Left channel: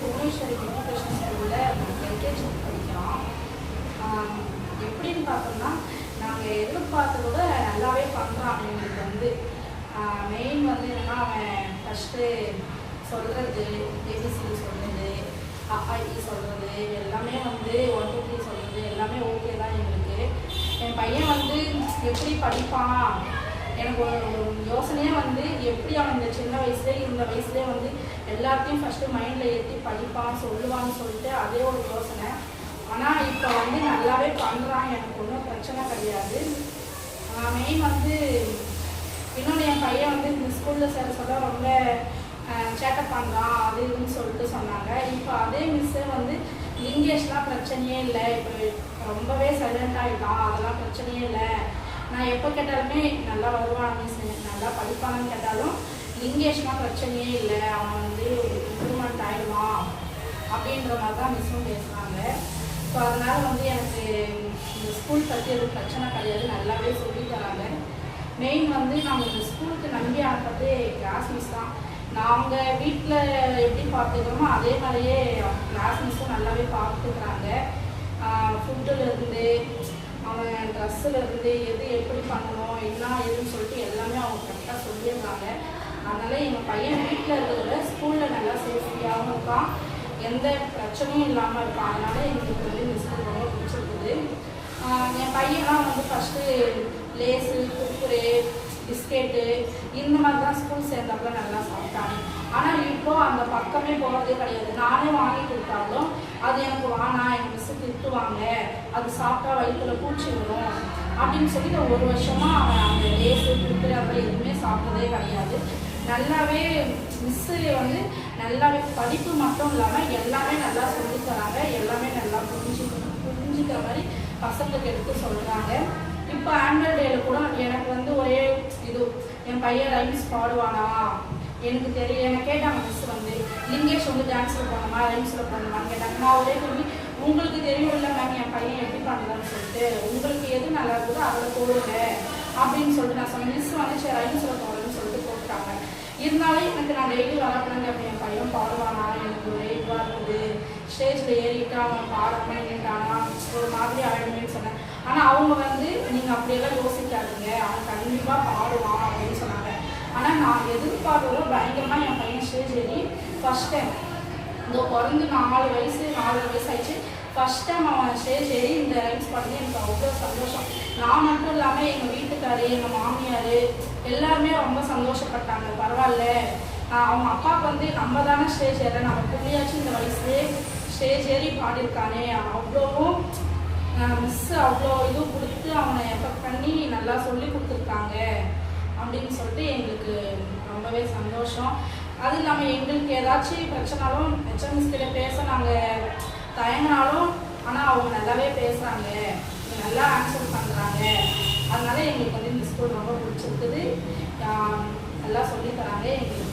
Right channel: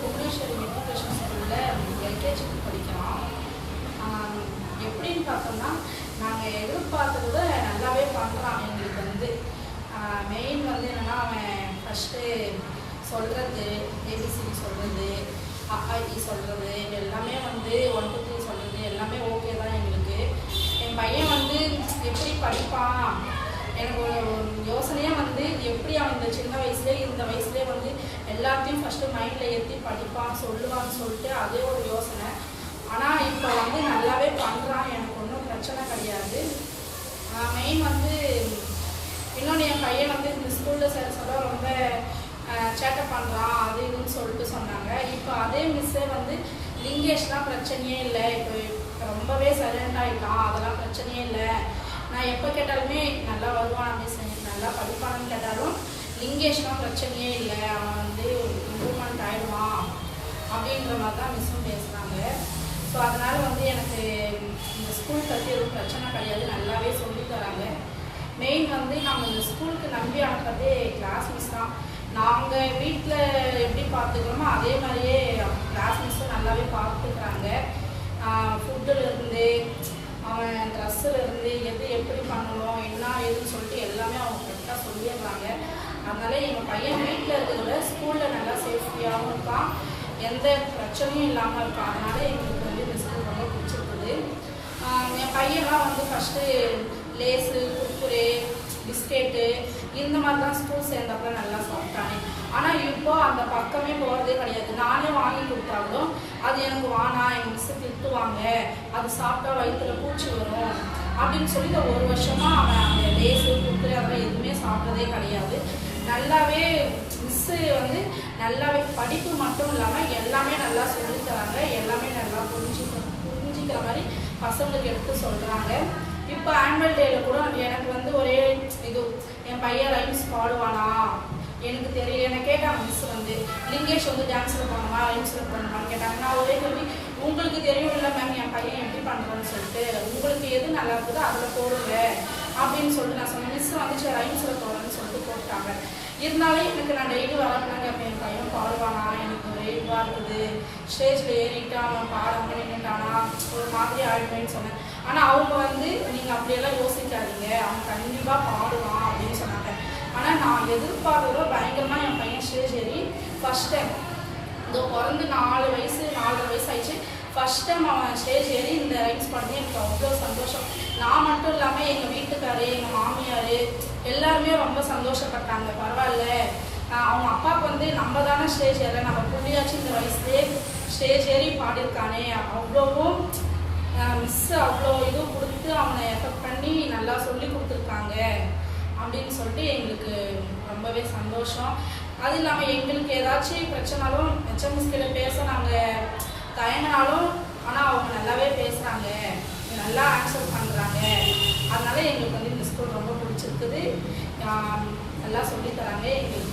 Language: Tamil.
புவனேஸ்வரி எஜுகேஷன் ஸ்கூலில் எல்கேஜி படிக்கிறோம். எப்படின்னு பார்த்தோம்னா நாங்கள் எதிர்பார்த்த கூட நல்லாவே பண்ணுறான். எங்களுக்கு வந்து மெயின் வந்து என்னென்னா அவன் ஃபஸ்ட்டு சொல்கிறது, ஏபிசிடி சொல்கிறது, அஇ சொல்கிறது எல்லாமே வந்து 1 2 3 சொல்கிறது எல்லாமே ஓகே தான் எங்களுக்கு. என் பையன் வந்து எப்படி படிப்பான் எனக்கு ஒரு யோசனையாக வந்து எப்படி அவன் இந்த சின்ன வயசுலேயே இந்த வயசுலேயே வந்து எல்லாத்தையும் ஃபஸ்ட்டு மைண்டில் ஏற்றி படிப்பான் சொல்லுவான்னு சொல்லிட்டு அதே ஒரு யோசனை. ஆனால் இப்போ வந்து நல்லாவே பண்ணுறான், எனக்கு ஒன்றும் பிரச்சனை கிடையாது. மெயின் வந்து இன்னொன்று என் பையன் வந்து இந்த ஸ்கூலில் சேர சொல்ல ரொம்ப சேட்டை பண்ணுறான் அது இதுன்னு சொல்லிட்டு சொன்னாங்க. இப்போ அதே மிஸ்ஸே வந்து லிங்கேஷ்லாம் பிரச்சனையே இல்லை, இப்போ ரொம்பவே சைலண்ட் ஆகிட்டான், அதெல்லாம் பிரச்சனையே இல்லை, நான் எப்போ கேட்டாலுமே நல்லா வருவான் மிஸ், நல்லா படிப்பானு கேட்டாலும் லிங்கேஷ்லாம் பிரச்சனையே இல்லை, அவன் வந்து இம்ப்ரூவ்மெண்ட் ஆயிடுவான் அப்படின்ற மாதிரி தான் மிஸ்ஸும் பேசுகிறாங்க. ஸோ அதனால் வந்து எனக்கு இந்த ஸ்கூல் பற்றி எதுவும் பிரச்சனை கிடையாது, நல்லாவே சொல்லி தராங்க. மெயின் வந்து நம்ம இந்த ஸ்கூலுக்கு நம்பி அனுப்புறதே கிளாஸ் மிஸ் தான். நாங்கள் வீட்டில் எப்படி பார்த்துக்கிறோமோ அதே மாதிரியே கிளாஸ் மிஸ்ஸும் நல்லாவே பார்த்துக்கிறாங்க. ஃபுட்டுலேருந்து அவன் ட்ரெஸ்ஸுலேருந்து எது எப்படி பண்ணணும் என்ன எதுன்னு சொல்லிட்டு எல்லாமே அவங்க கரெக்டாக சொல்லிடுறாங்க. அதனால் எங்கள் பையன் வீட்டில் இருக்கிறத ஸ்கூலில் நல்லா சேஃப்டியாகவும் இருக்கான், எந்த பிரச்சனையும் இல்லாமல் இருக்கான். அதனால் எங்களுக்கு வந்து இந்த ஸ்கூல் ரொம்ப பிடிச்சிருக்குது. என் பையன்லாம் வந்து ஃபஸ்ட்டு லேஸு, குர்குரே, பிஸ்கெட்டு இந்த மாதிரி தான் ஸ்கூல் சேர்ந்தப்பறம் நல்லா சாப்பிட்டானே. ஆனால் இப்போ அந்த பக்கமே போகிறதே கிடையாது. நானே வாங்கி கொடுத்தாலும் அது எனக்கு வானா, எங்கள் மிஸ்ஸு திட்டுவாங்க, அது சாப்பிட்டா வயிற்றுல பூச்சி வரும் அப்படின்னு சொல்லி இந்த 1 வருஷமாக அவன் அந்த லேஸு, குர்குரே அதெல்லாம் எதுவுமே சாப்பிட்டதே கிடையாது. நல்லாவே மிஸ்ஸு வந்து நல்லாவே படிப்பு மட்டும் இல்லாமல் எல்லாமே நல்லா சொல்லித்தராங்க, எல்லாமே நல்லா புரிஞ்சுக்கிற மாதிரி பசங்களுக்கு எடுத்து சொல்கிறாங்க. இப்போ ஆனுவல் டேயில் கூட எனக்கு வந்து ஒரே இது, என் பையன் ரைம்ஸ் பாடுவானா எனக்கு தெரியும். என்னை கேட்டாங்க மிஸ் வந்து லிங்கேஷ் வந்து டான்ஸில் போகணுமா ரைம்ஸில் போகணுமான்னு கேட்டாங்க. நான் ஒரே சொல்லி உங்களுக்கு தெரியும் இல்லை மேம் என் பையன் எப்படி பண்ணுறான்னு சொல்லிட்டு, உங்களுக்கு எது நல்லா இருக்குதோ அதில் போடுங்க அப்படின்னு சொல்லிட்டு நான் சொன்னேன். மிஸ் வந்து சரி ரைம்ஸில் போகணும்னு சொல்லிட்டு போட்டாங்க. இருந்தாலும் எனக்கு நான் டெய்லி வரப்பிள்ளைங்க இப்போ என் பையன் பாடுவானா எனக்கு ஒரே இதுவாக இருக்குது, ஸ்டேஜில் ஏறிட்டு அவன் பாடாமல் கேட்டானா ஒரு மாதிரி ஆகிடுமேன்னு சொன்னேன். ஆனால் அவங்க வந்து நீங்கள் அப்படியெல்லாம் யோசிக்காதீங்க, அவன் கண்டிப்பாக பாடுவான் அப்படின்னு சொன்னாங்க. ஆனால் நான் எதிர்பார்த்ததோ பயங்கரமாக என் பையன் ஸ்டேஜ் ஏறி ஃபஸ்ட் டைம் இதோ பிறந்து 4 வயசு ஆயிடுச்சு, ஃபஸ்ட் டைம் அவன் ஸ்டேஜ் ஏறி இந்த ரைம்ஸ் பண்ணி எனக்கு அவ்வளோ சந்தோஷம். நான் மட்டும் இல்லாமல் எங்கள் வீட்டுக்காரு, எங்கள் மாமியார் எல்லாருமே ரொம்ப சந்தோஷப்பட்டாங்க. பரவாயில்ல அவங்க அப்பாவுக்கு வந்து நம்ம தானே ஸ்டேஜ் ஏற, நம்ம புள்ளியாச்சும் இந்த வயசுலேயே ஸ்டேஜ் ஏறி பாடியிருக்கானே, அவ்வளோவும் மிஸ்ஸு அவ்வளோ இதுவும் கொடுத்து அவனை எஃபெக்ட் பண்ணி நல்லா சொல்லி கொடுத்துருக்காங்க அப்படின்னு சொல்லிட்டு எங்களுக்கு ரொம்பவே சந்தோஷம். அது இல்லாமல் எங்களுக்கு ஏதாச்சும் பிரச்சனாலும் ஹெச்எம்எஸ் கிட்ட பேச நாங்கள் தயங்கினாலும் ஆனால் அவங்க நல்லாவே பேசுகிறாங்க, நல்லா ஆன்சர் பண்ணுறாங்க. அதனால எங்களுக்கு வந்து இந்த ஸ்கூல் ரொம்ப பிடிச்சிருக்குது, நல்லா சொல்லித்தராங்க. எங்களுக்கு